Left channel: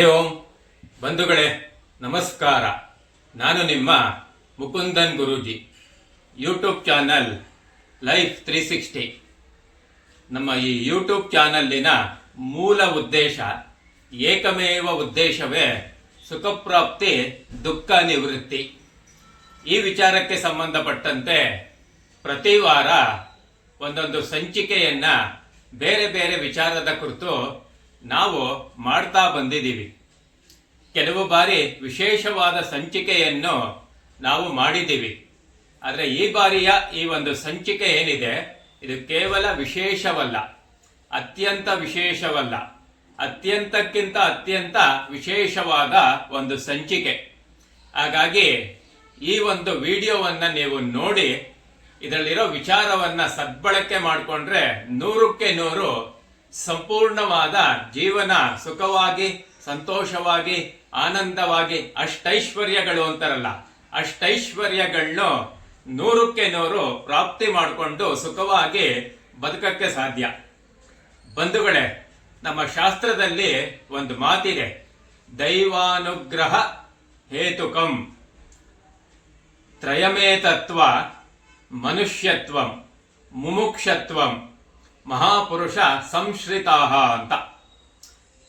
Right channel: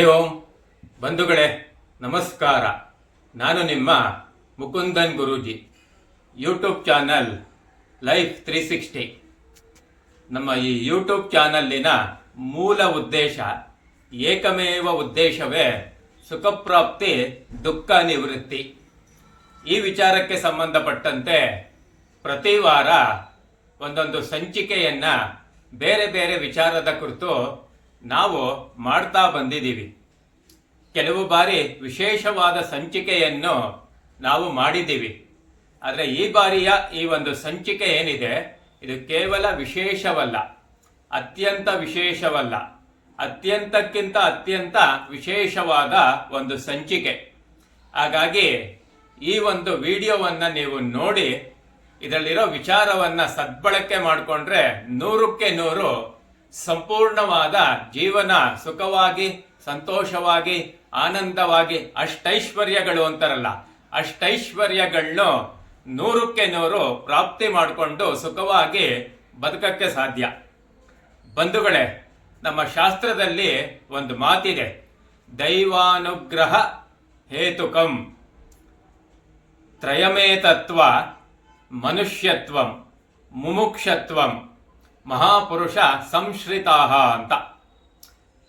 ಹರಿ ಓಂ ಬಂಧುಗಳೇ, ನಮಸ್ಕಾರ. ನಾನು ನಿಮ್ಮ Mukundan Guruji. YouTube channel life 360. ನಮ್ಮ ಈ ಯೂಟ್ಯೂಬ್ ಚಾನಲ್ಲಿನ ಮೂಲ ಉದ್ದೇಶ, ಏಕಮೇವ ಉದ್ದೇಶವೇ ಸುಖಪ್ರಾಪ್ತಿ, ದುಃಖ ನಿವೃತ್ತಿ. ಈ ವಿಚಾರಕ್ಕೆ ಸಂಬಂಧಪಟ್ಟಂತೆ ಪ್ರತಿ ವಾರ ಒಂದೊಂದು ಸಂಚಿಕೆಯನ್ನ ಬೇರೆ ಬೇರೆ ವಿಚಾರದ ಕುರಿತು ನಾವು ಮಾಡ್ತಾ ಬಂದಿದ್ದೀವಿ. ಕೆಲವು ಬಾರಿ ವಿಶೇಷವಾದ ಸಂಚಿಕೆಯನ್ನು ನಾವು ಮಾಡಿದ್ದೀವಿ. ಆದರೆ ಈ ಬಾರಿಯ ಈ ಒಂದು ಸಂಚಿಕೆ ಏನಿದೆ, ಇದು ಕೇವಲ ವಿಶೇಷವಲ್ಲ, ಅತ್ಯಂತ ವಿಶೇಷವಲ್ಲ, ಅತ್ಯಂತಕ್ಕಿಂತ ಅತ್ಯಂತ ವಿಶೇಷವಾದ ಒಂದು ಸಂಚಿಕೆ. ಹಾಗಾಗಿ ಈ ಒಂದು ವಿಡಿಯೋವನ್ನು ನೀವು ನೋಡಿ ಇದರಲ್ಲಿರೋ ವಿಚಾರವನ್ನು ಸದ್ಬಳಕೆ ಮಾಡಿಕೊಂಡ್ರೆ 100ಕ್ಕೆ 100 ಸಂಪೂರ್ಣವಾದ ಜೀವನ ಸುಖವಾಗಿ, ಸಂತೋಷವಾಗಿ, ಆನಂದವಾಗಿ, ಅಷ್ಟೈಶ್ವರ್ಯಗಳು ಅಂತಾರಲ್ಲ, ಅಷ್ಟೈಶ್ವರ್ಯಗಳನ್ನು 100ಕ್ಕೆ 100 ಪ್ರಾಪ್ತಿ ಮಾಡಿಕೊಂಡು ಸುಖವಾಗಿ ಬದುಕಕ್ಕೆ ಸಾಧ್ಯ. ಬಂಧುಗಳೇ, ನಮ್ಮ ಶಾಸ್ತ್ರದಲ್ಲಿ ಒಂದು ಮಾತಿದೆ, ದೈವಾನುಗ್ರಹ ಹೇತುಕಂ ತ್ರಯಮೇತತ್ವ ಮನುಷ್ಯತ್ವಂ ಮುಮುಕ್ಷತ್ವಂ ಮಹಾಪುರುಷ ಸಂಶ್ರಿತಾಹ ಅಂತ.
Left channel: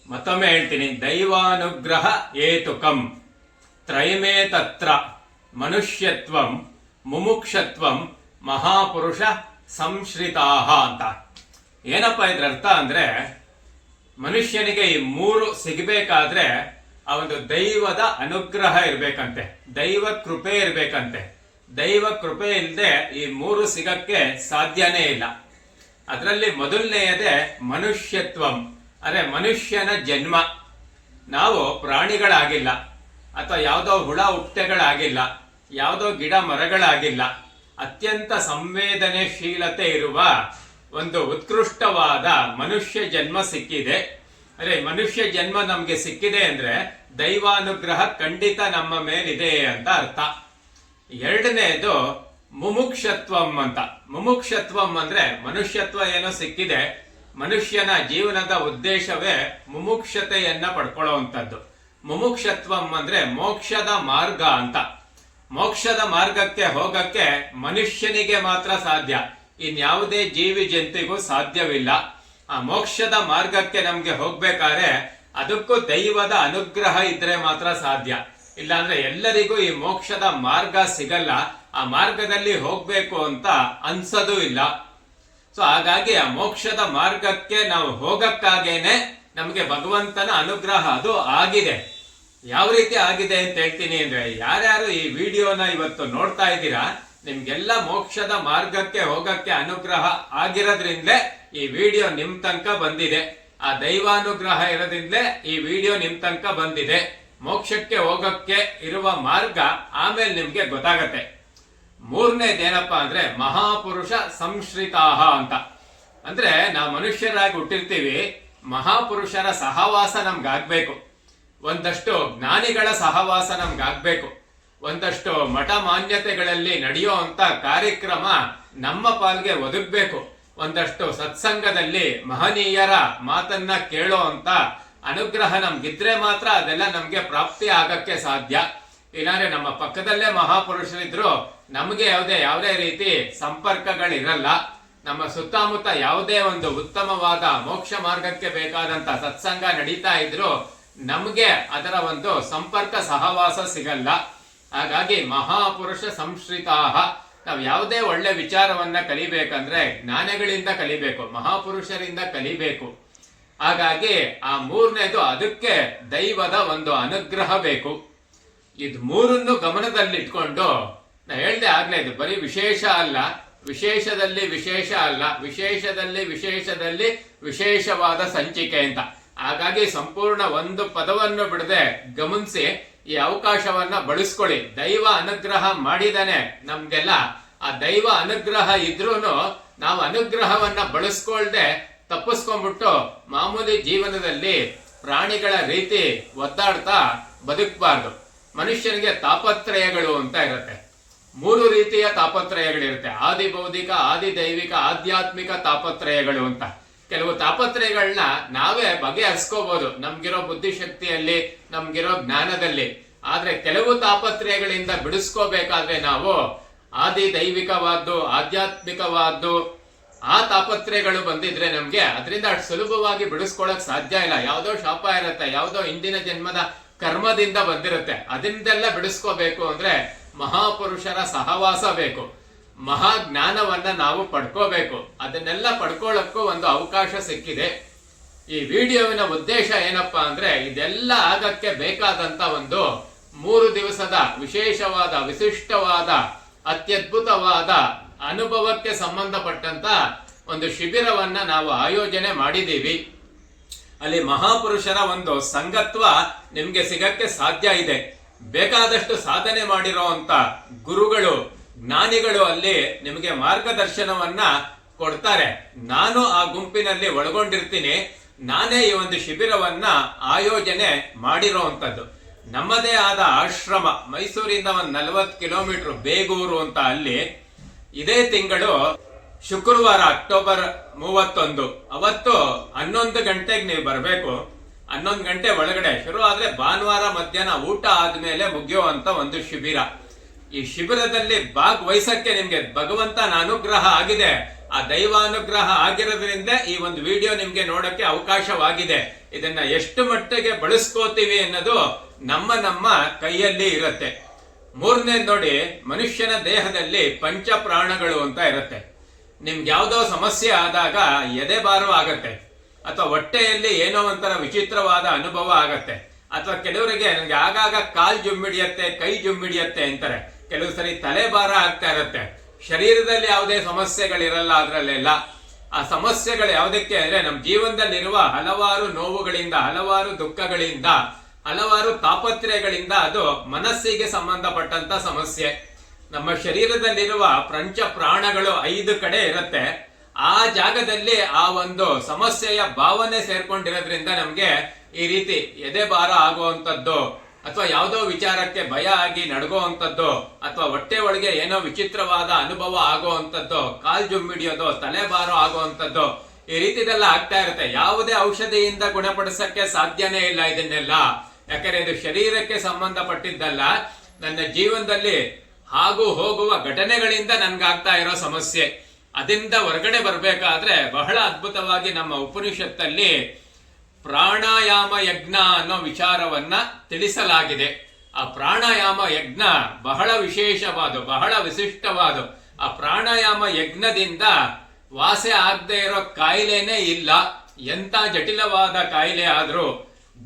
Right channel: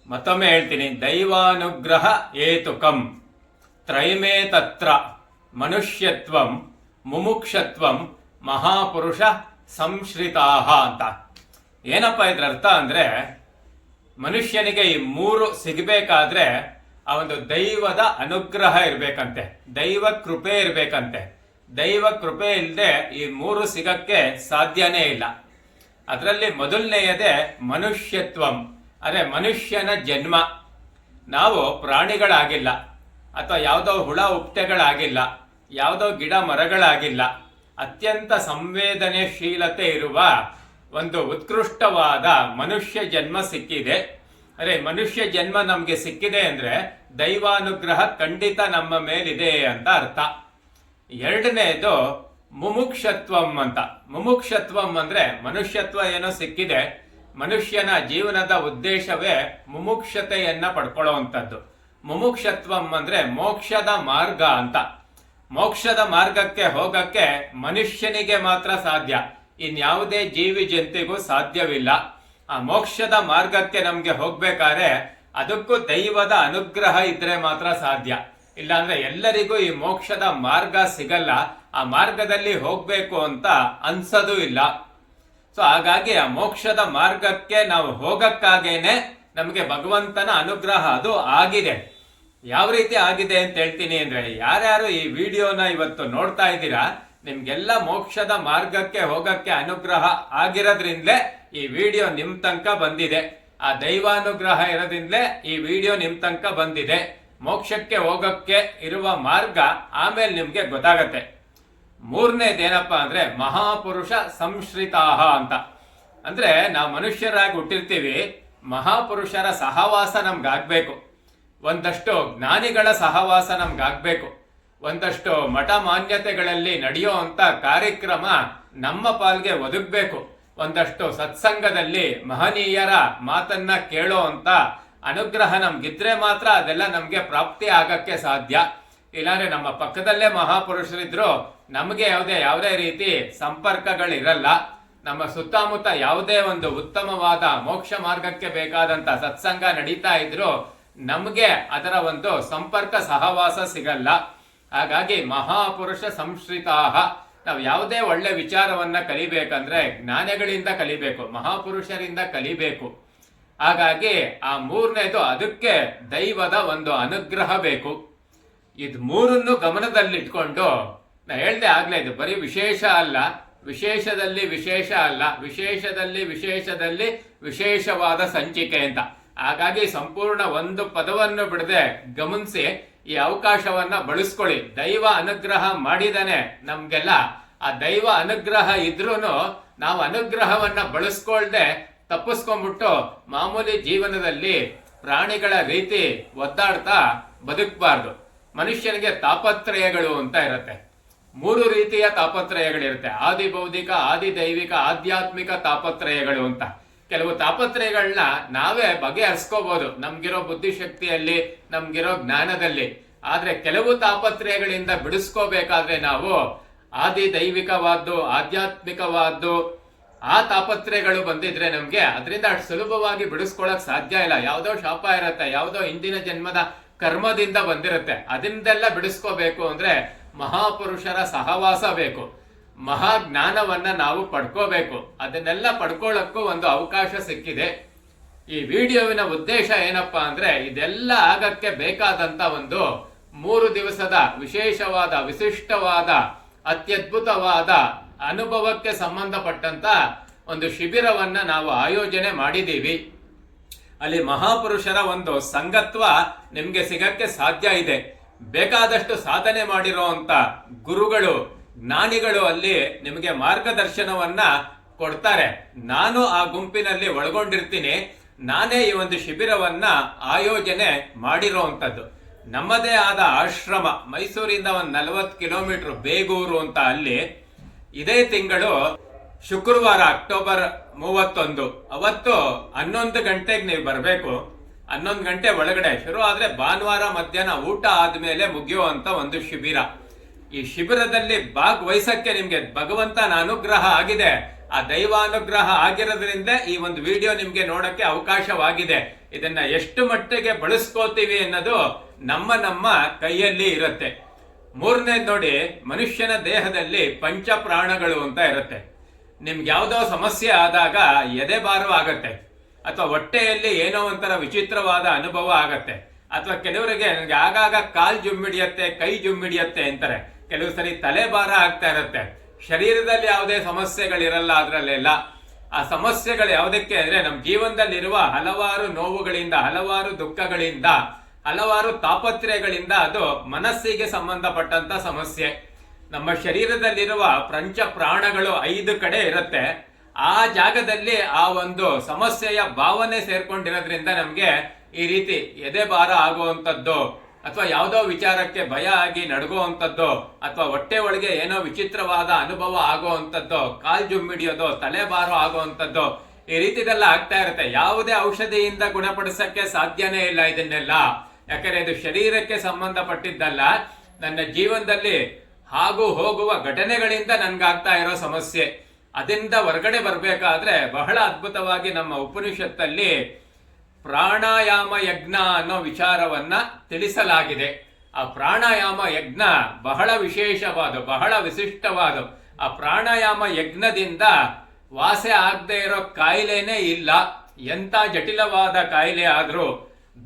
ಮತ್ತೊಮ್ಮೆ ಹೇಳ್ತೀನಿ, ದೈವಾನುಗ್ರಹ ಹೇತುಕಂ ತ್ರಯಮೇ ತತ್ರ ಮನುಷ್ಯತ್ವಂ ಮುಮುಕ್ಷತ್ವಂ ಮಹಾಪುರುಷ ಸಂಶ್ರಿತಾಹ ಅಂತ. ಏನಪ್ಪ ಇದ್ರ ಅರ್ಥ ಅಂದ್ರೆ, ಮನುಷ್ಯನಿಗೆ ಈ 3 ಸಿಗಬೇಕಾದ್ರೆ ಆ ಒಂದು ದೈವದ ಅನುಗ್ರಹ ಇರ್ಬೇಕಂತೆ, ದೈವ ಕೃಪೆ ಇರ್ಬೇಕಂತೆ. ದೈವ ಕೃಪೆ ಇಲ್ಲದೆ ಈ 3 ಸಿಗಕ್ಕೆ ಸಾಧ್ಯನೇ ಇಲ್ಲ. ಅದರಲ್ಲಿ ಮೊದಲನೆಯದೇ ಮನುಷ್ಯತ್ವಂ, ಅಂದರೆ ಮನುಷ್ಯನ ಜನ್ಮ. ನಾವು ಪ್ರಾಣಿಗಳಾಗಿಲ್ಲ, ಅಥವಾ ಯಾವುದೋ ಹುಳ ಹುಪ್ಟೆಗಳಾಗಿಲ್ಲ, ಯಾವುದೋ ಗಿಡ ಮರಗಳಾಗಿಲ್ಲ. ಅತ್ಯಂತ ಸಂವೇದನೆಶೀಲತೆ ಇರುವ ಒಂದು ಉತ್ಕೃಷ್ಟವಾದ ಮನುಷ್ಯ ಜನ್ಮ ಸಿಕ್ಕಿದೆ. ಅರೆ, ಮನುಷ್ಯ ಜನ್ಮ ನಮ್ಗೆ ಸಿಕ್ಕಿದೆ ಅಂದ್ರೆ ದೈವಾನುಗ್ರಹ ಖಂಡಿತ ನಮ್ಮ ಮೇಲಿದೆ ಅಂತ ಅರ್ಥ. ಎರಡನೇದು ಮುಮುಕ್ಷತ್ವಂ ಅಂತ. ಮುಮುಕ್ಷತ್ವಂ ಅಂದ್ರೆ ಮನುಷ್ಯತ್ವ ಏನೋ ಸಿಕ್ಕಿದೆ, ಮನುಷ್ಯನ ಜೀವನದ ಉದ್ದೇಶವೇ ಮುಮುಕ್ಷತೆಯನ್ನ ಪಡ್ಕೊಳ್ಳುವಂಥದ್ದು. ಮುಮುಕ್ಷತ್ವಂ ಅಂದ್ರೆ ಮೋಕ್ಷದ ಮಾರ್ಗ ಅಂತ. ಮೋಕ್ಷದ ಮಾರ್ಗಕ್ಕೆ ಹೋಗಕ್ಕೆ ಮನುಷ್ಯನಿಗೆ ಮಾತ್ರ ಸಾಧ್ಯ, ಇನ್ಯಾವುದೇ ಜೀವಿ ಜಂತಿಗೂ ಸಾಧ್ಯವಿಲ್ಲ. ಆ ಮೋಕ್ಷದ ಮಾರ್ಗಕ್ಕೆ ನಮ್ಗೆ ಹೋಗ್ಬೇಕಾದ್ರೆ ಅದಕ್ಕೂ ದೈವದ ಅನುಗ್ರಹ ಇದ್ರೆ ಮಾತ್ರ ಸಾಧ್ಯ. ಇಲ್ಲಾಂದ್ರೆ ಎಲ್ಲರಿಗೂ ಈ ಮೋಕ್ಷದ ಮಾರ್ಗ ಸಿಗಲ್ಲ, ಆ ಮಾರ್ಗದಲ್ಲಿ ಹೋಗ್ಬೇಕು ಅಂತ ಅನ್ಸೋದು ಇಲ್ಲ. ಸೊ ಹಾಗಾಗಿ ಆ ಮೋಕ್ಷದ ಮಾರ್ಗಕ್ಕೆ ನಾವು ಹೋಗಕ್ಕಾಗೇನೆ ನಮಗೆ ಭಗವಂತನ ಅನುಗ್ರಹ ಅದು ಆಗಿದೆ. ಯಾವ ರೀತಿ ಆಗಿದೆ ಅಂತ ಹೇಳ್ತೀನಿ ಅಂದ್ರೆ, ಯಾರ್ಯಾರು ಈ ವಿಡಿಯೋನ ಇವತ್ತು ನೋಡ್ತಾ ಇದ್ದೀರಾ, ನಿಮ್ಗೆಲ್ಲ ಮೋಕ್ಷದ ಮಾರ್ಗಕ್ಕೆ ಹೋಗಕ್ಕೆ ಅನುಗ್ರಹ ಆಗಿರೋದ್ರಿಂದಲೇ ಈ ವಿಡಿಯೋ ನಿಮ್ ತನಕ ಬಂದಿದೆ. ಆ ದೈವಾನುಗ್ರಹ ಇರೋದ್ರಿಂದಲೇ ಈ ವಿಡಿಯೋ ನಿಮ್ ತನಕ ಬಂದಿದೆ. ಮೋಕ್ಷಕ್ಕೆ ಹೋಗಕ್ಕೆ ಇರುವ ಮಾರ್ಗ ಆಮೇಲೆ ನಿಮ್ಗೆ ಗೊತ್ತಾಗತ್ತೆ. ಮೂರನೇದೇನಪ್ಪ ಅಂದ್ರೆ ಮಹಾಪುರುಷ ಸಂಶ್ರಿತಾಹ ಅಂತ. ಅಂದ್ರೆ ನಾವು ಮನುಷ್ಯರಾಗಿ ಹುಟ್ಟಿರ್ತೀವಿ, ಮಹಾಪುರುಷರ ಸಹವಾಸ ನಮ್ಗಾಗ್ಬೇಕು, ಒಂದಷ್ಟು ಜ್ಞಾನಿಗಳ ಸಹವಾಸ ನಮ್ಗಾಗ್ಬೇಕು, ಒಂದಷ್ಟು ಮಠ ಮಾನ್ಯತೆಗಳಲ್ಲಿ ನಡೆಯೋ ಅಂತ ಕಾರ್ಯಕ್ರಮ ನಮ್ಮ ಪಾಲ್ಗೆ ಒದಗಬೇಕು, ಒಂದಷ್ಟು ಸತ್ಸಂಗದಲ್ಲಿ ಮಹನೀಯರ ಮಾತನ್ನ ಕೇಳೋ ಅಂತ ಅನುಗ್ರಹ ನಮ್ಗಿದ್ರೆ ಮಾತ್ರ ಅದೆಲ್ಲ ನಮ್ಗೆ ಪ್ರಾಪ್ತಿ ಆಗಕ್ಕೆ ಸಾಧ್ಯ. ಇಲ್ಲಾಂದ್ರೆ ನಮ್ಮ ಪಕ್ಕದಲ್ಲೇ ಮಹಾಪುರುಷರಿದ್ರು ನಮಗೆ ಯಾವುದೇ ರೀತಿ ಸಂಪರ್ಕಗಳಿರಲ್ಲ. ನಮ್ಮ ಸುತ್ತಮುತ್ತ ಯಾವುದೇ ಒಂದು ಉತ್ತಮವಾದ ಮೋಕ್ಷ ಮಾರ್ಗಕ್ಕೆ ಬೇಕಾದಂತ ಸತ್ಸಂಗ ನಡೀತಾ ಇದ್ರು ನಮ್ಗೆ ಅದರ ಒಂದು ಸಂಪರ್ಕ ಸಹವಾಸ ಸಿಗಲ್ಲ. ಹಾಗಾಗಿ ಮಹಾಪುರುಷ ಸಂಶ್ರಿತಾಹ. ನಾವು ಯಾವುದೇ ಒಳ್ಳೆ ವಿಚಾರವನ್ನ ಕಲಿಬೇಕಂದ್ರೆ ಜ್ಞಾನಿಗಳಿಂದ ಕಲಿಬೇಕು, ಮಹಾಪುರುಷರಿಂದ ಕಲಿಬೇಕು. ಹಾಗಾಗಿ ಆ ಮೂರನೇದು, ಅದಕ್ಕೆ ದೈವದ ಒಂದು ಅನುಗ್ರಹ ಬೇಕು. ಇದು ಮೂರನ್ನು ಗಮನದಲ್ಲಿಟ್ಕೊಂಡು ನಾ ಹೇಳ್ದೆ ಆಗ್ಲೇ, ಇದು ಬರೀ ವಿಶೇಷ ಅಲ್ಲ, ವಿಶೇಷದಲ್ಲಿ ವಿಶೇಷ ಅಲ್ಲ, ವಿಶೇಷದಲ್ಲಿ ವಿಶೇಷದಲ್ಲಿ ವಿಶೇಷವಾದ ಸಂಚಿಕೆ ಅಂತ. ಹಾಗಾಗಿ ಸಂಪೂರ್ಣ ಒಂದು ಪದವನ್ನು ಬಿಡದೆ ಗಮನಿಸಿ ಈ ಅವಕಾಶವನ್ನ ಬಳಸ್ಕೊಳ್ಳಿ. ದೈವ ಅನುಗ್ರಹ ಮಾಡಿದಾನೆ ನಮ್ಗೆಲ್ಲ. ಆ ದೈವ ಅನುಗ್ರಹ ಇದ್ರೂನು ನಾವು ಅನುಗ್ರಹವನ್ನ ಬಳಸ್ಕೊಳ್ದೆ ತಪ್ಪಿಸ್ಕೊಂಡ್ಬಿಟ್ಟು ಮಾಮೂಲಿ ಜೀವನದಲ್ಲಿ ಪ್ರಾಣಿಗಳ ರೀತಿ ಒದ್ದಾಡ್ತಾ ಬದುಕಬಾರ್ದು. ಮನುಷ್ಯನಿಗೆ ತಾಪತ್ರಯಗಳು ಅಂತ ಇರುತ್ತೆ, 3 ರೀತಿಯ ತಾಪತ್ರಯಗಳಿರುತ್ತೆ. ಆದಿ ಭೌತಿಕ, ಆದಿ ದೈವಿಕ, ಆಧ್ಯಾತ್ಮಿಕ ತಾಪತ್ರಯಗಳು ಅಂತ. ಕೆಲವು ತಾಪತ್ರಯಗಳನ್ನ ನಾವೇ ಬಗೆಹರಿಸ್ಕೋಬಹುದು ನಮ್ಗಿರೋ ಬುದ್ಧಿಶಕ್ತಿಯಲ್ಲಿ, ನಮ್ಗಿರೋ ಜ್ಞಾನದಲ್ಲಿ. ಆದ್ರೆ ಕೆಲವು ತಾಪತ್ರಯಗಳಿಂದ ಬಿಡಿಸ್ಕೋಬೇಕಾದ್ರೆ ನಾವು ಆದಿ ದೈವಿಕವಾದ್ದು, ಆಧ್ಯಾತ್ಮಿಕವಾದ್ದು ಆ ತಾಪತ್ರಯಗಳು ಬಂದಿದ್ರೆ ನಮ್ಗೆ ಅದರಿಂದ ಅಷ್ಟು ಸುಲಭವಾಗಿ ಬಿಡಿಸ್ಕೊಳಕ್ ಸಾಧ್ಯ ಇಲ್ಲ. ಯಾವುದೋ ಶಾಪ ಇರುತ್ತೆ, ಯಾವುದೋ ಹಿಂದಿನ ಜನ್ಮದ ಕರ್ಮದಿಂದ ಬಂದಿರುತ್ತೆ. ಅದರಿಂದೆಲ್ಲ ಬಿಡಿಸ್ಕೋಬೇಕು ಅಂದ್ರೆ ಮಹಾಪುರುಷರ ಸಹವಾಸ ಬೇಕು, ಮಹಾಜ್ಞಾನವನ್ನ ನಾವು ಪಡ್ಕೋಬೇಕು. ಅದನ್ನೆಲ್ಲ ಪಡ್ಕೊಳ್ಳಕ್ಕೂ ಒಂದು ಅವಕಾಶ ಸಿಕ್ಕಿದೆ. ಈ ವಿಡಿಯೋವಿನ ಉದ್ದೇಶ ಏನಪ್ಪಾ ಅಂದ್ರೆ ಇದೆಲ್ಲ ಆಗಕ್ಕೆ ಬೇಕಾದಂತ ಒಂದು 3 ದಿವಸದ ವಿಶೇಷವಾದ, ವಿಶಿಷ್ಟವಾದ, ಅತ್ಯದ್ಭುತವಾದ ಅನುಭವಕ್ಕೆ ಸಂಬಂಧಪಟ್ಟಂತ ಒಂದು ಶಿಬಿರವನ್ನ ನಾವು ಆಯೋಜನೆ ಮಾಡಿದೀವಿ. ಅಲ್ಲಿ ಮಹಾಪುರುಷರ ಒಂದು ಸಂಗತ್ವ ನಿಮ್ಗೆ ಸಿಗಕ್ಕೆ ಸಾಧ್ಯ ಇದೆ. ಬೇಕಾದಷ್ಟು ಸಾಧನೆ ಮಾಡಿರೋಂತ ಗುರುಗಳು, ಜ್ಞಾನಿಗಳು ಅಲ್ಲಿ ನಿಮಗೆ ಮಾರ್ಗದರ್ಶನವನ್ನ ಕೊಡ್ತಾರೆ. ನಾನು ಆ ಗುಂಪಿನಲ್ಲಿ ಒಳಗೊಂಡಿರ್ತೀನಿ. ನಾನೇ ಈ ಒಂದು ಶಿಬಿರವನ್ನ ಆಯೋಜನೆ ಮಾಡಿರೋಂಥದ್ದು. ನಮ್ಮದೇ ಆದ ಆಶ್ರಮ, ಮೈಸೂರಿಂದ ಒಂದು 40 ಕಿಲೋಮೀಟರ್, ಬೇಗೂರು ಅಂತ. ಅಲ್ಲಿ ಇದೇ ತಿಂಗಳು ಶುಕ್ರವಾರ ಅಕ್ಟೋಬರ್ 31 ಅವತ್ತು 11 ಗಂಟೆಗೆ ನೀವು ಬರಬೇಕು. 11 ಗಂಟೆ ಒಳಗಡೆ ಶುರು ಆದ್ರೆ ಭಾನುವಾರ ಮಧ್ಯಾಹ್ನ ಊಟ ಆದ್ಮೇಲೆ ಮುಗಿಯುವಂತ ಒಂದು ಶಿಬಿರ. ಈ ಶಿಬಿರದಲ್ಲಿ ಭಾಗವಹಿಸಕ್ಕೆ ನಿಮ್ಗೆ ಭಗವಂತನ ಅನುಗ್ರಹ ಆಗಿದೆ. ಆ ದೈವಾನುಗ್ರಹ ಆಗಿರೋದ್ರಿಂದ ಈ ಒಂದು ವಿಡಿಯೋ ನಿಮ್ಗೆ ನೋಡಕ್ಕೆ ಅವಕಾಶವಾಗಿದೆ. ಇದನ್ನ ಎಷ್ಟು ಮಟ್ಟಿಗೆ ಬಳಸ್ಕೋತೀವಿ ಅನ್ನೋದು ನಮ್ಮ ಕೈಯಲ್ಲಿ ಇರುತ್ತೆ. ಮೂರನೇ ನೋಡಿ, ಮನುಷ್ಯನ ದೇಹದಲ್ಲಿ ಪಂಚ ಪ್ರಾಣಗಳು ಅಂತ ಇರುತ್ತೆ. ನಿಮ್ಗೆ ಯಾವ್ದೋ ಸಮಸ್ಯೆ ಆದಾಗ ಎದೆ ಭಾರ ಆಗತ್ತೆ, ಅಥವಾ ಹೊಟ್ಟೆಯಲ್ಲಿ ಏನೋ ಒಂಥರ ವಿಚಿತ್ರವಾದ ಅನುಭವ ಆಗತ್ತೆ, ಅಥವಾ ಕೆಲವರಿಗೆ ನನಗೆ ಆಗಾಗ ಕಾಲ್ ಜುಮ್ಮಿಡಿಯತ್ತೆ, ಕೈ ಜುಮ್ಮಿಡಿಯತ್ತೆ ಅಂತಾರೆ. ಕೆಲವು ಸರಿ ತಲೆ ಭಾರ ಆಗ್ತಾ ಇರುತ್ತೆ. ಶರೀರದಲ್ಲಿ ಯಾವುದೇ ಸಮಸ್ಯೆಗಳಿರಲ್ಲ ಅದರಲ್ಲೆಲ್ಲ. ಆ ಸಮಸ್ಯೆಗಳು ಯಾವುದಕ್ಕೆ ಅಂದ್ರೆ ನಮ್ಮ ಜೀವನದಲ್ಲಿರುವ ಹಲವಾರು ನೋವುಗಳಿಂದ, ಹಲವಾರು ದುಃಖಗಳಿಂದ, ಹಲವಾರು ತಾಪತ್ರಯಗಳಿಂದ ಅದು ಮನಸ್ಸಿಗೆ ಸಂಬಂಧಪಟ್ಟಂತ ಸಮಸ್ಯೆ. ನಮ್ಮ ಶರೀರದಲ್ಲಿರುವ ಪಂಚ ಪ್ರಾಣಗಳು 5 ಕಡೆ ಇರುತ್ತೆ. ಆ ಜಾಗದಲ್ಲಿ ಆ ಒಂದು ಸಮಸ್ಯೆಯ ಭಾವನೆ ಸೇರ್ಕೊಂಡಿರೋದ್ರಿಂದ ನಮ್ಗೆ ಈ ರೀತಿ ಎದೆ ಭಾರ ಆಗುವಂಥದ್ದು, ಅಥವಾ ಯಾವುದೋ ವಿಚಾರಕ್ಕೆ ಭಯ ಆಗಿ ನಡ್ಗೋವಂಥದ್ದು, ಅಥವಾ ಹೊಟ್ಟೆ ಒಳಗೆ ಏನೋ ವಿಚಿತ್ರವಾದ ಅನುಭವ ಆಗುವಂಥದ್ದು, ಕಾಲ್ ಜುಮ್ಮಿಡಿಯೋದು, ತಲೆ ಭಾರ ಆಗುವಂಥದ್ದು, ಈ ರೀತಿದೆಲ್ಲ ಆಗ್ತಾ ಇರುತ್ತೆ. ಯಾವುದೇ ಔಷಧಿಯಿಂದ ಗುಣಪಡಿಸಕ್ಕೆ ಸಾಧ್ಯನೇ ಇಲ್ಲ ಇದನ್ನೆಲ್ಲ. ಯಾಕಂದ್ರೆ ಇದು ಶರೀರಕ್ಕೆ ಸಂಬಂಧಪಟ್ಟಿದ್ದಲ್ಲ, ನನ್ನ ಜೀವನದಲ್ಲಿ ಹಾಗೂ ಹೋಗುವ ಘಟನೆಗಳಿಂದ ನನ್ಗಾಗ್ತಾ ಇರೋ ಸಮಸ್ಯೆ. ಅದರಿಂದ ಹೊರಗಡೆ ಬರ್ಬೇಕಾದ್ರೆ ಬಹಳ ಅದ್ಭುತವಾಗಿ ನಮ್ಮ ಉಪನಿಷತ್ತಲ್ಲಿ ಪ್ರಾಣಾಯಾಮ ಯಜ್ಞ ಅನ್ನೋ ವಿಚಾರವನ್ನ ತಿಳಿಸಲಾಗಿದೆ. ಆ ಪ್ರಾಣಾಯಾಮ ಯಜ್ಞ ಬಹಳ ವಿಶೇಷವಾದ, ಬಹಳ ವಿಶಿಷ್ಟವಾದ. ಆ ಪ್ರಾಣಾಯಾಮ ಯಜ್ಞದಿಂದ ವಾಸೆ ಆಗದೆ ಇರೋ ಕಾಯಿಲೆನೇ ಇಲ್ಲ. ಎಂತ ಜಟಿಲವಾದ ಕಾಯಿಲೆ ಆದ್ರೂ,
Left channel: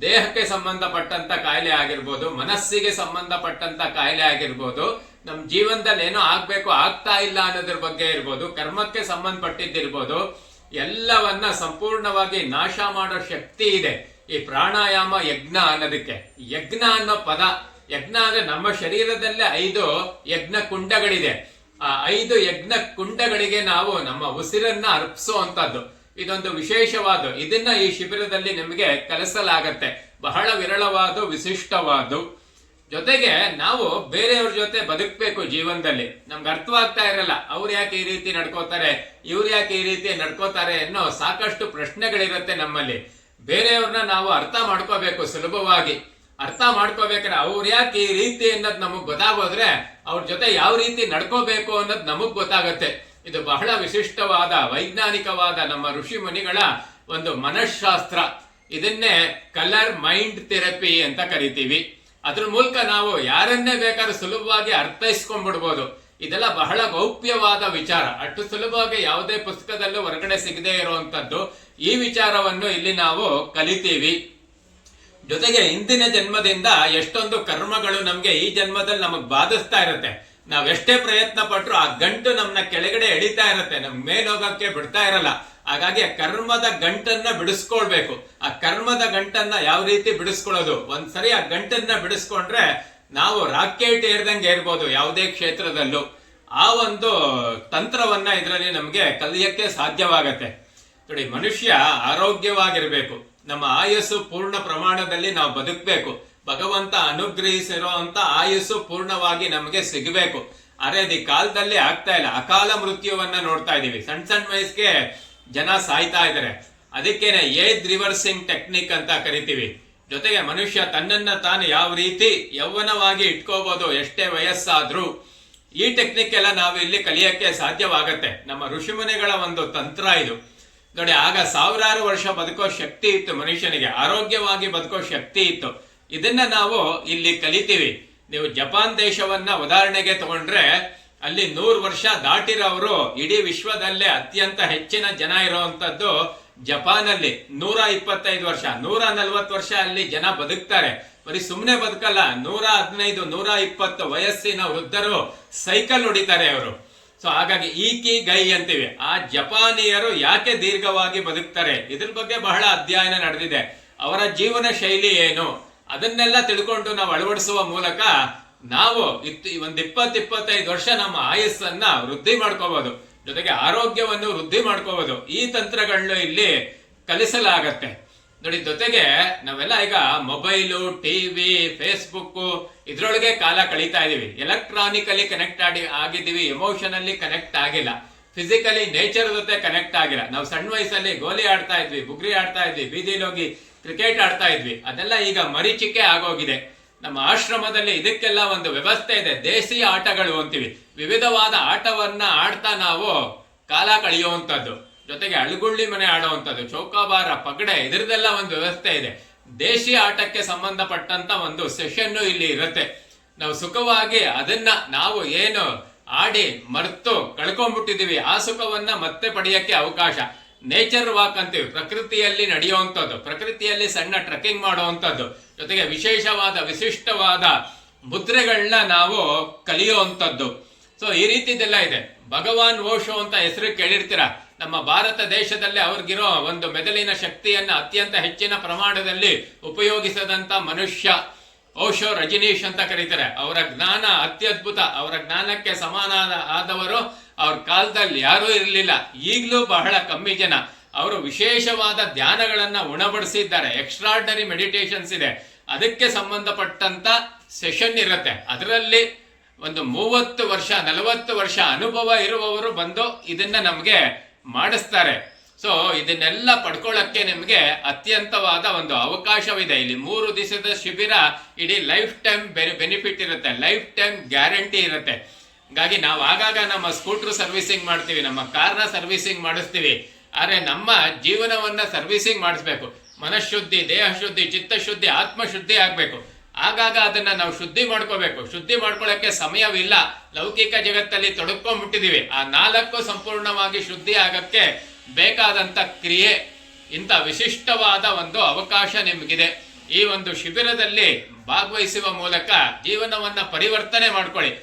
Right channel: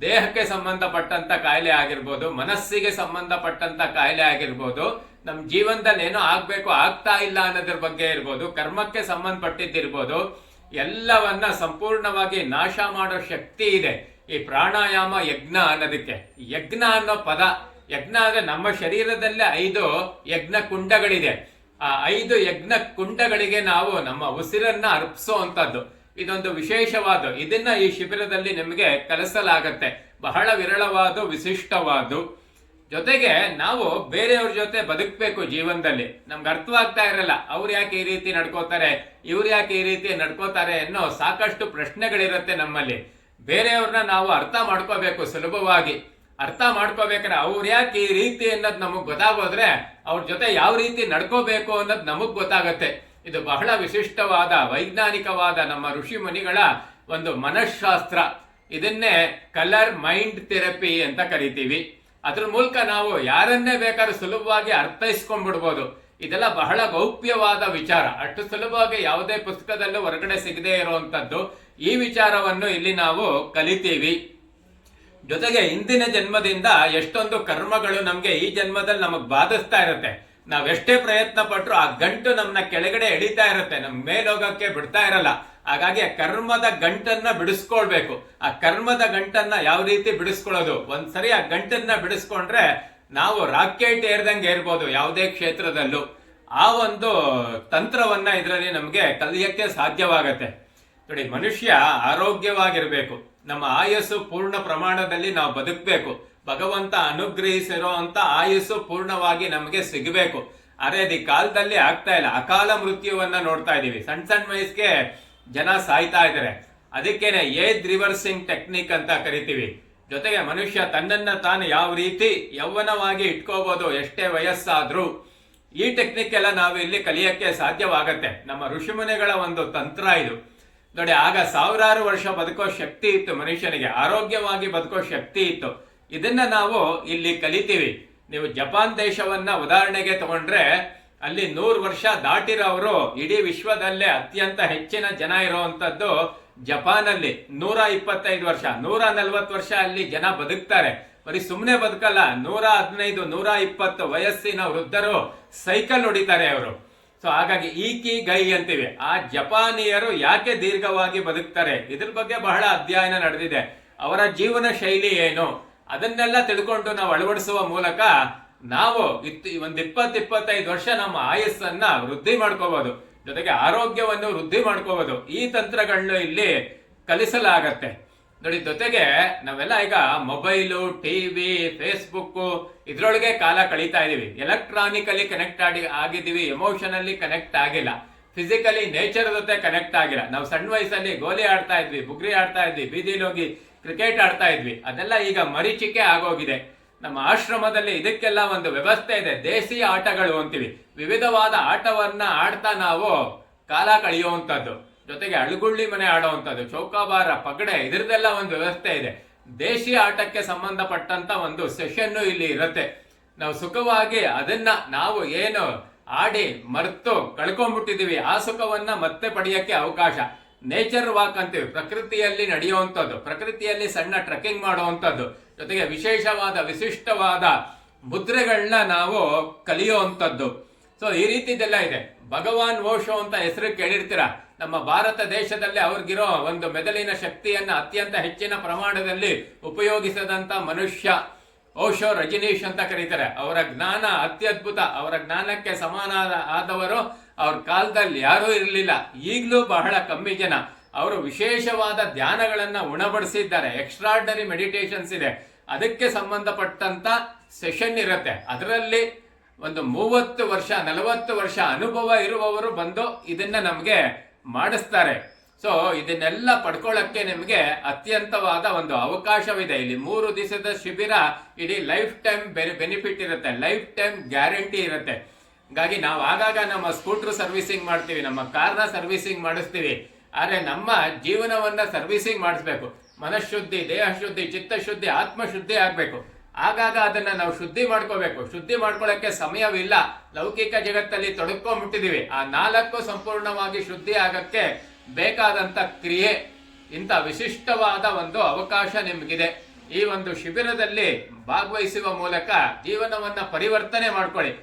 ದೇಹಕ್ಕೆ ಸಂಬಂಧಪಟ್ಟಂತ ಕಾಯಿಲೆ ಆಗಿರ್ಬೋದು, ಮನಸ್ಸಿಗೆ ಸಂಬಂಧಪಟ್ಟಂತ ಕಾಯಿಲೆ ಆಗಿರ್ಬೋದು, ನಮ್ ಜೀವನದಲ್ಲಿ ಏನೋ ಆಗ್ಬೇಕು ಆಗ್ತಾ ಇಲ್ಲ ಅನ್ನೋದ್ರ ಬಗ್ಗೆ ಇರ್ಬೋದು, ಕರ್ಮಕ್ಕೆ ಸಂಬಂಧಪಟ್ಟಿದ್ದಿರ್ಬೋದು, ಎಲ್ಲವನ್ನ ಸಂಪೂರ್ಣವಾಗಿ ನಾಶ ಮಾಡೋ ಶಕ್ತಿ ಇದೆ ಈ ಪ್ರಾಣಾಯಾಮ ಯಜ್ಞ ಅನ್ನೋದಕ್ಕೆ. ಯಜ್ಞ ಅನ್ನೋ ಪದ, ಯಜ್ಞ ಅಂದ್ರೆ ನಮ್ಮ ಶರೀರದಲ್ಲೇ 5 ಯಜ್ಞ ಕುಂಡಗಳಿದೆ. ಆ 5 ಯಜ್ಞ ಕುಂಡಗಳಿಗೆ ನಾವು ನಮ್ಮ ಉಸಿರನ್ನ ಅರ್ಪಿಸುವಂತದ್ದು. ಇದೊಂದು ವಿಶೇಷವಾದ, ಇದನ್ನ ಈ ಶಿಬಿರದಲ್ಲಿ ನಿಮಗೆ ಕಲಿಸಲಾಗತ್ತೆ. ಬಹಳ ವಿರಳವಾದ, ವಿಶಿಷ್ಟವಾದ. ಜೊತೆಗೆ ನಾವು ಬೇರೆಯವ್ರ ಜೊತೆ ಬದುಕಬೇಕು ಜೀವನದಲ್ಲಿ. ನಮ್ಗೆ ಅರ್ಥವಾಗ್ತಾ ಇರಲ್ಲ, ಅವ್ರು ಯಾಕೆ ಈ ರೀತಿ ನಡ್ಕೋತಾರೆ, ಇವ್ರು ಯಾಕೆ ಈ ರೀತಿ ನಡ್ಕೋತಾರೆ ಅನ್ನೋ ಸಾಕಷ್ಟು ಪ್ರಶ್ನೆಗಳಿರುತ್ತೆ ನಮ್ಮಲ್ಲಿ. ಬೇರೆಯವ್ರನ್ನ ನಾವು ಅರ್ಥ ಮಾಡ್ಕೋಬೇಕು ಸುಲಭವಾಗಿ. ಅರ್ಥ ಮಾಡ್ಕೋಬೇಕಾದ್ರೆ ಅವ್ರು ಯಾಕೆ ಈ ರೀತಿ ಅನ್ನೋದು ನಮಗ್ ಗೊತ್ತಾಗೋದ್ರೆ ಅವ್ರ ಜೊತೆ ಯಾವ ರೀತಿ ನಡ್ಕೋಬೇಕು ಅನ್ನೋದು ನಮಗ್ ಗೊತ್ತಾಗತ್ತೆ. ಇದು ಬಹಳ ವಿಶಿಷ್ಟವಾದ, ವೈಜ್ಞಾನಿಕವಾದ ನಮ್ಮ ಋಷಿ ಮುನಿಗಳ ಒಂದು ಮನಃಶಾಸ್ತ್ರ. ಇದನ್ನೇ ಕಲರ್ ಮೈಂಡ್ ಥೆರಪಿ ಅಂತ ಕರಿತೀವಿ. ಅದ್ರ ಮೂಲಕ ನಾವು ಯಾರನ್ನೇ ಬೇಕಾದ್ರೂ ಸುಲಭವಾಗಿ ಅರ್ಥೈಸ್ಕೊಂಡ್ಬಿಡ್ಬೋದು. ಇದೆಲ್ಲ ಬಹಳ ಗೌಪ್ಯವಾದ ವಿಚಾರ. ಅಷ್ಟು ಸುಲಭವಾಗಿ ಯಾವುದೇ ಪುಸ್ತಕದಲ್ಲೂ ಹೊರಗಡೆ ಸಿಗದೆ ಇರುವಂತದ್ದು. ಈ ವಿಚಾರವನ್ನು ಇಲ್ಲಿ ನಾವು ಕಲಿತೀವಿ. ಜೊತೆಗೆ ಹಿಂದಿನ ಜನ್ಮದಿಂದ ಎಷ್ಟೊಂದು ಕರ್ಮಗಳು ನಮ್ಗೆ ಈ ಜನ್ಮದಲ್ಲಿ ನಮಗ್ ಬಾಧಿಸ್ತಾ ಇರುತ್ತೆ. ನಾವೆಷ್ಟೇ ಪ್ರಯತ್ನ ಪಟ್ರು ಆ ಗಂಟು ನಮ್ನ ಕೆಳಗಡೆ ಎಳಿತಾ ಇರುತ್ತೆ, ನಮ್ ಮೇಲೋಗಕ್ಕೆ ಬಿಡ್ತಾ ಇರಲ್ಲ. ಹಾಗಾಗಿ ಆ ಕರ್ಮದ ಗಂಟನ್ನ ಬಿಡಿಸ್ಕೊಳ್ಬೇಕು. ಆ ಕರ್ಮದ ಗಂಟನ್ನ ಯಾವ ರೀತಿ ಬಿಡಿಸ್ಕೊಳ್ಳೋದು, ಒಂದ್ಸರಿ ಆ ಗಂಟನ್ನ ಬಿಡಿಸ್ಕೊಂಡ್ರೆ ನಾವು ರಾಕೆಟ್ ಏರ್ದಂಗೆ ಏರ್ಬೋದು ಯಾವುದೇ ಕ್ಷೇತ್ರದಲ್ಲೂ. ಆ ಒಂದು ತಂತ್ರವನ್ನ ಇದರಲ್ಲಿ ನಮ್ಗೆ ಕಲಿಯಕ್ಕೆ ಸಾಧ್ಯವಾಗತ್ತೆ. ನೋಡಿ, ಮನುಷ್ಯ ಆರೋಗ್ಯವಾಗಿರ್ಬೇಕು, ನಮ್ಮ ಆಯಸ್ಸು ಪೂರ್ಣ ಪ್ರಮಾಣದಲ್ಲಿ ನಾವು ಬದುಕಬೇಕು, ಭಗವಂತ ಅನುಗ್ರಹಿಸಿರೋ ಅಂತ ಆಯಸ್ಸು ಪೂರ್ಣವಾಗಿ ನಮಗೆ ಸಿಗಬೇಕು. ಅರೆ ಈ ಕಾಲದಲ್ಲಿ ಆಗ್ತಾ ಇಲ್ಲ, ಅಕಾಲ ಮೃತ್ಯುವನ್ನ ನೋಡ್ತಾ ಇದೀವಿ. ಸಣ್ಣ ಸಣ್ಣ ವಯಸ್ಸಿಗೆ ಜನ ಸಾಯ್ತಾ ಇದ್ದಾರೆ. ಅದಕ್ಕೇನೆ ಏಜ್ ರಿವರ್ಸಿಂಗ್ ಟೆಕ್ನಿಕ್ ಅಂತ ಕರಿತೀವಿ. ಜೊತೆಗೆ ಮನುಷ್ಯ ತನ್ನನ್ನ ತಾನು ಯಾವ ರೀತಿ ಯೌವನವಾಗಿ ಇಟ್ಕೋಬಹುದು ಎಷ್ಟೇ ವಯಸ್ಸಾದ್ರೂ, ಈ ಟೆಕ್ನಿಕ್ ಎಲ್ಲ ನಾವು ಇಲ್ಲಿ ಕಲಿಯಕ್ಕೆ ಸಾಧ್ಯವಾಗತ್ತೆ. ನಮ್ಮ ಋಷಿಮುನಿಗಳ ಒಂದು ತಂತ್ರ ಇದು ನೋಡಿ. ಆಗ ಸಾವಿರಾರು ವರ್ಷ ಬದುಕೋ ಶಕ್ತಿ ಇತ್ತು ಮನುಷ್ಯನಿಗೆ, ಆರೋಗ್ಯವಾಗಿ ಬದುಕೋ ಶಕ್ತಿ ಇತ್ತು. ಇದನ್ನ ನಾವು ಇಲ್ಲಿ ಕಲಿತೀವಿ. ನೀವು ಜಪಾನ್ ದೇಶವನ್ನ ಉದಾಹರಣೆಗೆ ತಗೊಂಡ್ರೆ ಅಲ್ಲಿ 100 ವರ್ಷ ದಾಟಿರೋರು ಇಡೀ ವಿಶ್ವದಲ್ಲೇ ಅತ್ಯಂತ ಹೆಚ್ಚಿನ ಜನ ಇರುವಂತದ್ದು ಜಪಾನಲ್ಲಿ. 125 ವರ್ಷ, 140 ವರ್ಷ ಅಲ್ಲಿ ಜನ ಬದುಕ್ತಾರೆ. ಬರೀ ಸುಮ್ಮನೆ ಬದುಕಲ್ಲ, 115, 120 ವಯಸ್ಸಿನ ವೃದ್ಧರು ಸೈಕಲ್ ಹೊಡಿತಾರೆ ಅವರು. ಸೊ ಹಾಗಾಗಿ ಈಕಿ ಗೈ ಅಂತೀವಿ. ಆ ಜಪಾನಿಯರು ಯಾಕೆ ದೀರ್ಘವಾಗಿ ಬದುಕ್ತಾರೆ, ಇದ್ರ ಬಗ್ಗೆ ಬಹಳ ಅಧ್ಯಯನ ನಡೆದಿದೆ. ಅವರ ಜೀವನ ಶೈಲಿ ಏನು, ಅದನ್ನೆಲ್ಲ ತಿಳ್ಕೊಂಡು ನಾವು ಅಳವಡಿಸುವ ಮೂಲಕ ನಾವು ಒಂದು 20-25 ವರ್ಷ ನಮ್ಮ ಆಯಸ್ಸನ್ನ ವೃದ್ಧಿ ಮಾಡ್ಕೋಬಹುದು, ಜೊತೆಗೆ ಆರೋಗ್ಯವನ್ನು ವೃದ್ಧಿ ಮಾಡ್ಕೋಬಹುದು. ಈ ತಂತ್ರಗಳನ್ನು ಇಲ್ಲಿ ಕಲಿಸಲಾಗತ್ತೆ ನೋಡಿ. ಜೊತೆಗೆ ನಾವೆಲ್ಲ ಈಗ ಮೊಬೈಲು, ಟಿವಿ, ಫೇಸ್ಬುಕ್ ಇದ್ರೊಳಗೆ ಕಾಲ ಕಳೀತಾ ಇದೀವಿ. ಎಲೆಕ್ಟ್ರಾನಿಕಲಿ ಕನೆಕ್ಟ್ ಆಗಿದ್ದೀವಿ, ಎಮೋಷನಲಿ ಕನೆಕ್ಟ್ ಆಗಿಲ್ಲ, ಫಿಸಿಕಲಿ ನೇಚರ್ ಜೊತೆ ಕನೆಕ್ಟ್ ಆಗಿಲ್ಲ. ನಾವು ಸಣ್ಣ ವಯಸ್ಸಲ್ಲಿ ಗೋಲಿ ಆಡ್ತಾ ಇದ್ವಿ, ಬುಗ್ರಿ ಆಡ್ತಾ ಇದ್ವಿ, ಬೀದಿಲಿ ಹೋಗಿ ಕ್ರಿಕೆಟ್ ಆಡ್ತಾ ಇದ್ವಿ. ಅದೆಲ್ಲ ಈಗ ಮರೀಚಿಕೆ ಆಗೋಗಿದೆ. ನಮ್ಮ ಆಶ್ರಮದಲ್ಲಿ ಇದಕ್ಕೆಲ್ಲ ಒಂದು ವ್ಯವಸ್ಥೆ ಇದೆ. ದೇಸಿ ಆಟಗಳು ಅಂತೀವಿ, ವಿವಿಧವಾದ ಆಟವನ್ನ ಆಡ್ತಾ ನಾವು ಕಾಲ ಕಳೆಯುವಂಥದ್ದು. ಜೊತೆಗೆ ಅಳುಗುಳ್ಳಿ ಮನೆ ಆಡುವಂಥದ್ದು, ಚೌಕಾಬಾರ, ಪಗಡೆ, ಇದ್ರದೆಲ್ಲ ಒಂದು ವ್ಯವಸ್ಥೆ ಇದೆ. ದೇಶಿ ಆಟಕ್ಕೆ ಸಂಬಂಧಪಟ್ಟಂತ ಒಂದು ಸೆಷನ್ ಇಲ್ಲಿ ಇರುತ್ತೆ. ನಾವು ಸುಖವಾಗಿ ಅದನ್ನ ನಾವು ಏನು ಆಡಿ ಮರ್ತು ಕಳ್ಕೊಂಡ್ಬಿಟ್ಟಿದೀವಿ, ಆ ಸುಖವನ್ನ ಮತ್ತೆ ಪಡೆಯಕ್ಕೆ ಅವಕಾಶ. ನೇಚರ್ ವಾಕ್ ಅಂತೀವಿ, ಪ್ರಕೃತಿಯಲ್ಲಿ ನಡೆಯುವಂಥದ್ದು, ಪ್ರಕೃತಿಯಲ್ಲಿ ಸಣ್ಣ ಟ್ರೆಕ್ಕಿಂಗ್ ಮಾಡುವಂಥದ್ದು, ಜೊತೆಗೆ ವಿಶೇಷವಾದ ವಿಶಿಷ್ಟವಾದ ಮುದ್ರೆಗಳನ್ನ ನಾವು ಕಲಿಯುವಂಥದ್ದು. ಸೊ ಈ ರೀತಿದೆಲ್ಲ ಇದೆ. ಭಗವಾನ್ ಓಶೋ ಅಂತ ಹೆಸರು ಕೇಳಿರ್ತೀರ. ನಮ್ಮ ಭಾರತ ದೇಶದಲ್ಲಿ ಅವ್ರಿಗಿರೋ ಒಂದು ಮೆದುಳಿನ ಶಕ್ತಿಯನ್ನ ಅತ್ಯಂತ ಹೆಚ್ಚಿನ ಪ್ರಮಾಣದಲ್ಲಿ ಉಪಯೋಗಿಸದಂತ ಮನುಷ್ಯ ಓಶೋ ರಜನೀಶ್ ಅಂತ ಕರೀತಾರೆ. ಅವರ ಜ್ಞಾನ ಅತ್ಯದ್ಭುತ. ಅವರ ಜ್ಞಾನಕ್ಕೆ ಸಮಾನ ಆದವರು ಅವ್ರ ಕಾಲದಲ್ಲಿ ಯಾರೂ ಇರಲಿಲ್ಲ. ಈಗಲೂ ಬಹಳ ಕಮ್ಮಿ ಜನ. ಅವರು ವಿಶೇಷವಾದ ಧ್ಯಾನಗಳನ್ನ ಉಣಬಡಿಸಿದ್ದಾರೆ. ಎಕ್ಸ್ಟ್ರಾರ್ಡನರಿ ಮೆಡಿಟೇಷನ್ಸ್ ಇದೆ. ಅದಕ್ಕೆ ಸಂಬಂಧಪಟ್ಟಂತ ಸೆಷನ್ ಇರುತ್ತೆ. ಅದರಲ್ಲಿ ಒಂದು 30 ವರ್ಷ 40 ವರ್ಷ ಅನುಭವ ಇರುವವರು ಬಂದು ಇದನ್ನ ನಮಗೆ ಮಾಡಿಸ್ತಾರೆ. ಸೊ ಇದನ್ನೆಲ್ಲ ಪಡ್ಕೊಳ್ಳಕ್ಕೆ ನಿಮಗೆ ಅತ್ಯಂತವಾದ ಒಂದು ಅವಕಾಶವಿದೆ. ಇಲ್ಲಿ 3 ದಿವಸದ ಶಿಬಿರ, ಇಡೀ ಲೈಫ್ ಟೈಮ್ ಬೆನಿಫಿಟ್ ಇರುತ್ತೆ, ಲೈಫ್ ಟೈಮ್ ಗ್ಯಾರಂಟಿ ಇರುತ್ತೆ. ಹಾಗಾಗಿ ನಾವು ಆಗಾಗ ನಮ್ಮ ಸ್ಕೂಟರ್ ಸರ್ವಿಸಿಂಗ್ ಮಾಡ್ತೀವಿ, ನಮ್ಮ ಕಾರ್ನ ಸರ್ವಿಸಿಂಗ್ ಮಾಡಿಸ್ತೀವಿ. ಆದ್ರೆ ನಮ್ಮ ಜೀವನವನ್ನ ಸರ್ವಿಸಿಂಗ್ ಮಾಡಿಸ್ಬೇಕು. ಮನಃಶುದ್ಧಿ, ದೇಹ ಶುದ್ಧಿ, ಚಿತ್ತಶುದ್ಧಿ, ಆತ್ಮಶುದ್ಧಿ ಆಗ್ಬೇಕು. ಆಗಾಗ ಅದನ್ನ ನಾವು ಶುದ್ಧಿ ಮಾಡ್ಕೋಬೇಕು. ಶುದ್ಧಿ ಮಾಡ್ಕೊಳ್ಳಕ್ಕೆ ಸಮಯವಿಲ್ಲ, ಲೌಕಿಕ ಜಗತ್ತಲ್ಲಿ ತೊಡಕೊಂಡ್ಬಿಟ್ಟಿದೀವಿ. ಆ 4 ಸಂಪೂರ್ಣವಾಗಿ ಶುದ್ಧಿ ಆಗಕ್ಕೆ ಬೇಕಾದಂತ ಕ್ರಿಯೆ. ಇಂಥ ವಿಶಿಷ್ಟವಾದ ಒಂದು ಅವಕಾಶ ನಿಮಗಿದೆ. ಈ ಒಂದು ಶಿಬಿರದಲ್ಲಿ ಭಾಗವಹಿಸುವ ಮೂಲಕ ಜೀವನವನ್ನ ಪರಿವರ್ತನೆ ಮಾಡ್ಕೊಳ್ಳಿ.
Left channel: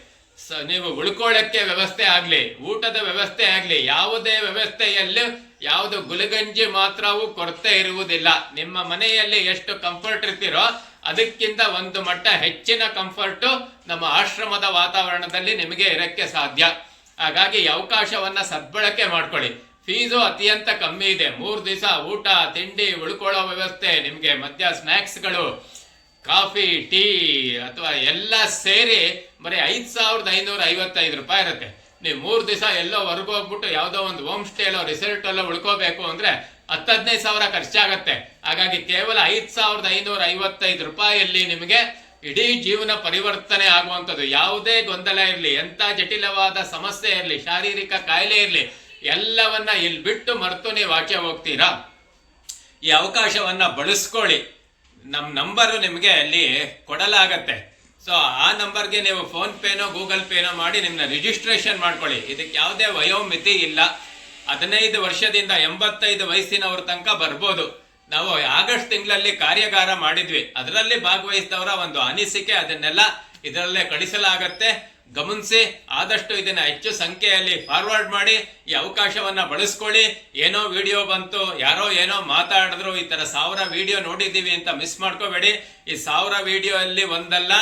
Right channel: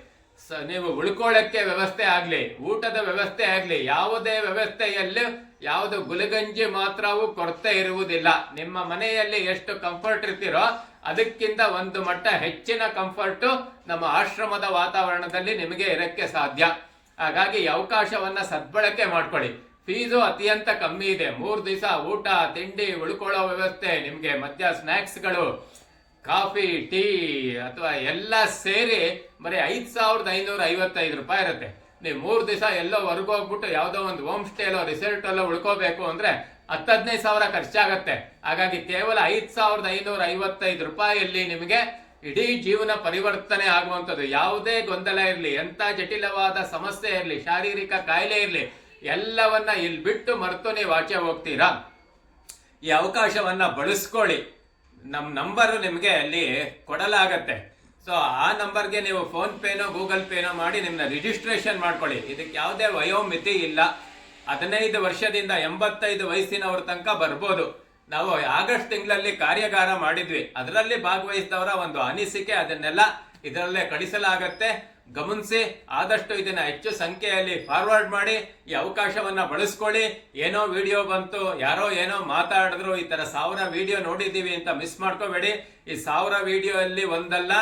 ನೀವು ಉಳ್ಕೊಳ್ಳಕ್ಕೆ ವ್ಯವಸ್ಥೆ ಆಗ್ಲಿ, ಊಟದ ವ್ಯವಸ್ಥೆ ಆಗ್ಲಿ, ಯಾವುದೇ ವ್ಯವಸ್ಥೆಯಲ್ಲಿ ಯಾವುದು ಗುಲಗಂಜಿ ಮಾತ್ರವೂ ಕೊರತೆ ಇರುವುದಿಲ್ಲ. ನಿಮ್ಮ ಮನೆಯಲ್ಲಿ ಎಷ್ಟು ಕಂಫರ್ಟ್ ಇರ್ತೀರೋ ಅದಕ್ಕಿಂತ ಒಂದು ಮಟ್ಟ ಹೆಚ್ಚಿನ ಕಂಫರ್ಟು ನಮ್ಮ ಆಶ್ರಮದ ವಾತಾವರಣದಲ್ಲಿ ನಿಮಗೆ ಇರಕ್ಕೆ ಸಾಧ್ಯ. ಹಾಗಾಗಿ ಈ ಅವಕಾಶವನ್ನ ಸದ್ಬಳಕೆ ಮಾಡ್ಕೊಳ್ಳಿ. ಫೀಸು ಅತ್ಯಂತ ಕಮ್ಮಿ ಇದೆ. 3 ದಿವಸ ಊಟ, ತಿಂಡಿ, ಉಳ್ಕೊಳ್ಳೋ ವ್ಯವಸ್ಥೆ, ನಿಮಗೆ ಮಧ್ಯ ಸ್ನ್ಯಾಕ್ಸ್ಗಳು, ಕಾಫಿ, ಟೀ ಅಥವಾ ಎಲ್ಲ ಸೇರಿ ಬರೀ 5,555 ರೂಪಾಯಿ ಇರುತ್ತೆ. ನೀವು 3 ದಿವಸ ಎಲ್ಲೋ ಹೊರಗೋಗ್ಬಿಟ್ಟು ಯಾವುದೋ ಒಂದು ಹೋಮ್ ಸ್ಟೇಲೋ ರಿಸಲ್ಟ್ ಎಲ್ಲೋ ಉಳ್ಕೋಬೇಕು ಅಂದ್ರೆ 10-15 ಸಾವಿರ ಖರ್ಚಾಗತ್ತೆ. ಹಾಗಾಗಿ ಕೇವಲ 5,555 ರೂಪಾಯಿಯಲ್ಲಿ ನಿಮಗೆ ಇಡೀ ಜೀವನ ಪರಿವರ್ತನೆ ಆಗುವಂಥದ್ದು. ಯಾವುದೇ ಗೊಂದಲ ಇರಲಿ, ಎಂಥ ಜಟಿಲವಾದ ಸಮಸ್ಯೆ ಇರಲಿ, ಶಾರೀರಿಕ ಕಾಯಿಲೆ ಇರಲಿ, ಎಲ್ಲವನ್ನ ಇಲ್ಲಿ ಬಿಟ್ಟು ಮರೆತು ನೀವು ಆಚೆ ಹೋಗ್ತೀರಾ. ಈ ಅವಕಾಶವನ್ನ ಬಳಸ್ಕೊಳ್ಳಿ. ನಮ್ಮ ನಂಬರು ನಿಮಗೆ ಅಲ್ಲಿ ಕೊಡಲಾಗತ್ತೆ. ಸೊ ಆ ನಂಬರ್ಗೆ ನೀವು ಫೋನ್ ಪೇನೋ ಗೂಗಲ್ ಪೇನೋ ಮಾಡಿ ನಿಮ್ಮನ್ನ ರಿಜಿಸ್ಟ್ರೇಷನ್ ಮಾಡ್ಕೊಳ್ಳಿ. ಇದಕ್ಕೆ ಯಾವುದೇ ವಯೋಮಿತಿ ಇಲ್ಲ. 15 ವರ್ಷದಿಂದ 85 ವಯಸ್ಸಿನವ್ರ ತನಕ ಬರ್ಬೋದು. ನಾವು ಆಗಸ್ಟ್ ತಿಂಗಳಲ್ಲಿ ಕಾರ್ಯಾಗಾರ ಮಾಡಿದ್ವಿ, ಅದರಲ್ಲಿ ಭಾಗವಹಿಸಿದವರ ಒಂದು ಅನಿಸಿಕೆ ಅದನ್ನೆಲ್ಲ ಇದರಲ್ಲೇ ಕಳಿಸಲಾಗತ್ತೆ. ಗಮನಿಸಿ, ಆದಷ್ಟು ಇದನ್ನ ಹೆಚ್ಚು ಸಂಖ್ಯೆಯಲ್ಲಿ ಫಾರ್ವರ್ಡ್ ಮಾಡಿ. ಈ ಅವಕಾಶವನ್ನ ಬಳಸ್ಕೊಳ್ಳಿ. ಏನೋ ವಿಡಿಯೋ ಬಂತು, ಯಾರೋ ಏನೋ ಮಾತಾಡಿದ್ರು, ಈ ತರ 1000 ವಿಡಿಯೋ ನೋಡಿದ್ದೀವಿ ಅಂತ ಮಿಸ್ ಮಾಡ್ಕೋಬೇಡಿ. ಈ 1000 ವಿಡಿಯೋ ಅಲ್ಲಿ ಒಂದಲ್ಲ,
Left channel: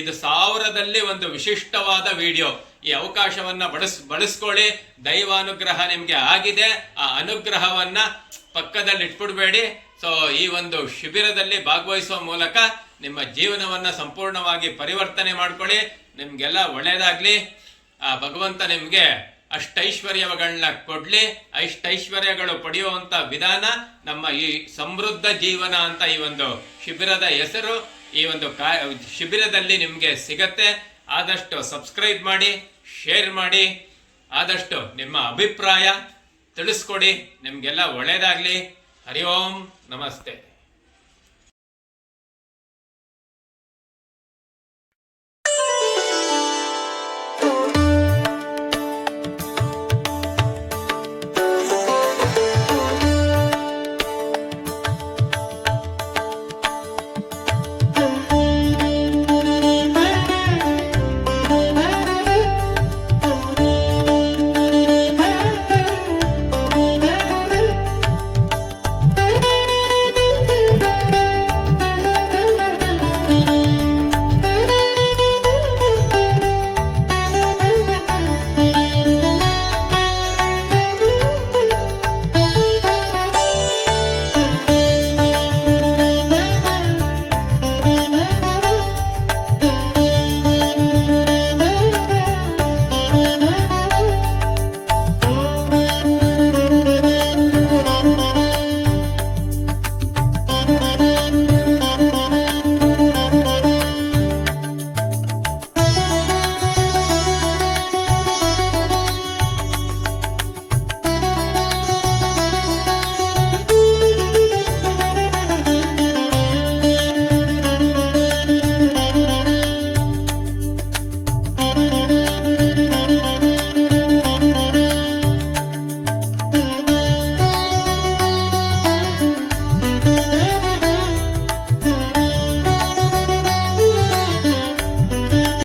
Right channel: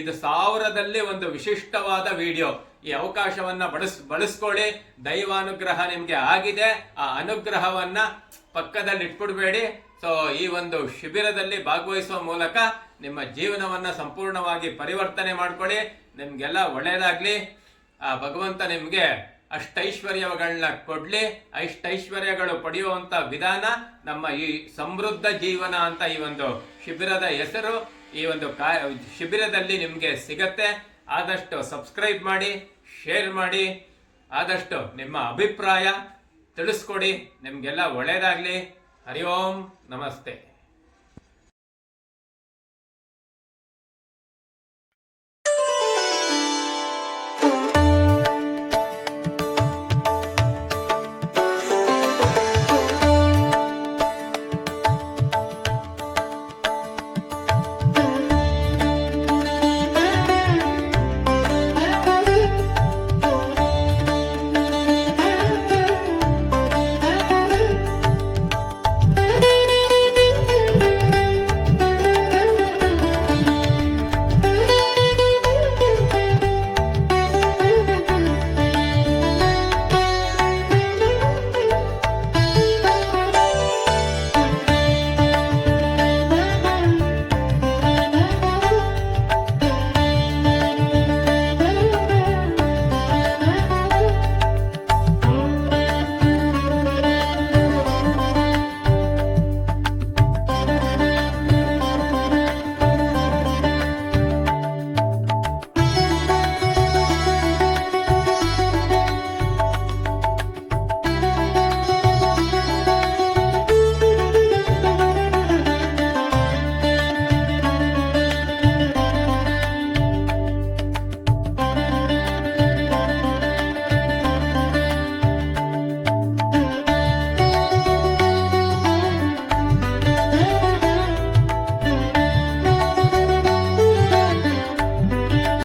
ಇದು 1000ದಲ್ಲಿ ಒಂದು ವಿಶಿಷ್ಟವಾದ ವಿಡಿಯೋ. ಈ ಅವಕಾಶವನ್ನ ಬಳಸ್ಕೊಳ್ಳಿ. ದೈವಾನುಗ್ರಹ ನಿಮ್ಗೆ ಆಗಿದೆ. ಆ ಅನುಗ್ರಹವನ್ನ ಪಕ್ಕದಲ್ಲಿ ಇಟ್ಬಿಡ್ಬೇಡಿ. ಸೊ ಈ ಒಂದು ಶಿಬಿರದಲ್ಲಿ ಭಾಗವಹಿಸುವ ಮೂಲಕ ನಿಮ್ಮ ಜೀವನವನ್ನ ಸಂಪೂರ್ಣವಾಗಿ ಪರಿವರ್ತನೆ ಮಾಡ್ಕೊಳ್ಳಿ. ನಿಮ್ಗೆಲ್ಲ ಒಳ್ಳೇದಾಗ್ಲಿ. ಆ ಭಗವಂತ ನಿಮ್ಗೆ ಅಷ್ಟೈಶ್ವರ್ಯಗಳನ್ನ ಕೊಡ್ಲಿ. ಅಷ್ಟೈಶ್ವರ್ಯಗಳು ಪಡೆಯುವಂತ ವಿಧಾನ ನಮ್ಮ ಈ ಸಮೃದ್ಧ ಜೀವನ ಅಂತ ಈ ಒಂದು ಶಿಬಿರದ ಹೆಸರು. ಈ ಒಂದು ಶಿಬಿರದಲ್ಲಿ ನಿಮಗೆ ಸಿಗತ್ತೆ. ಆದಷ್ಟು ಸಬ್ಸ್ಕ್ರೈಬ್ ಮಾಡಿ, ಶೇರ್ ಮಾಡಿ, ಆದಷ್ಟು ನಿಮ್ಮ ಅಭಿಪ್ರಾಯ ತಿಳಿಸ್ಕೊಡಿ. ನಿಮಗೆಲ್ಲ ಒಳ್ಳೆಯದಾಗಲಿ. ಹರಿ ಓಂ ನಮಸ್ತೆ.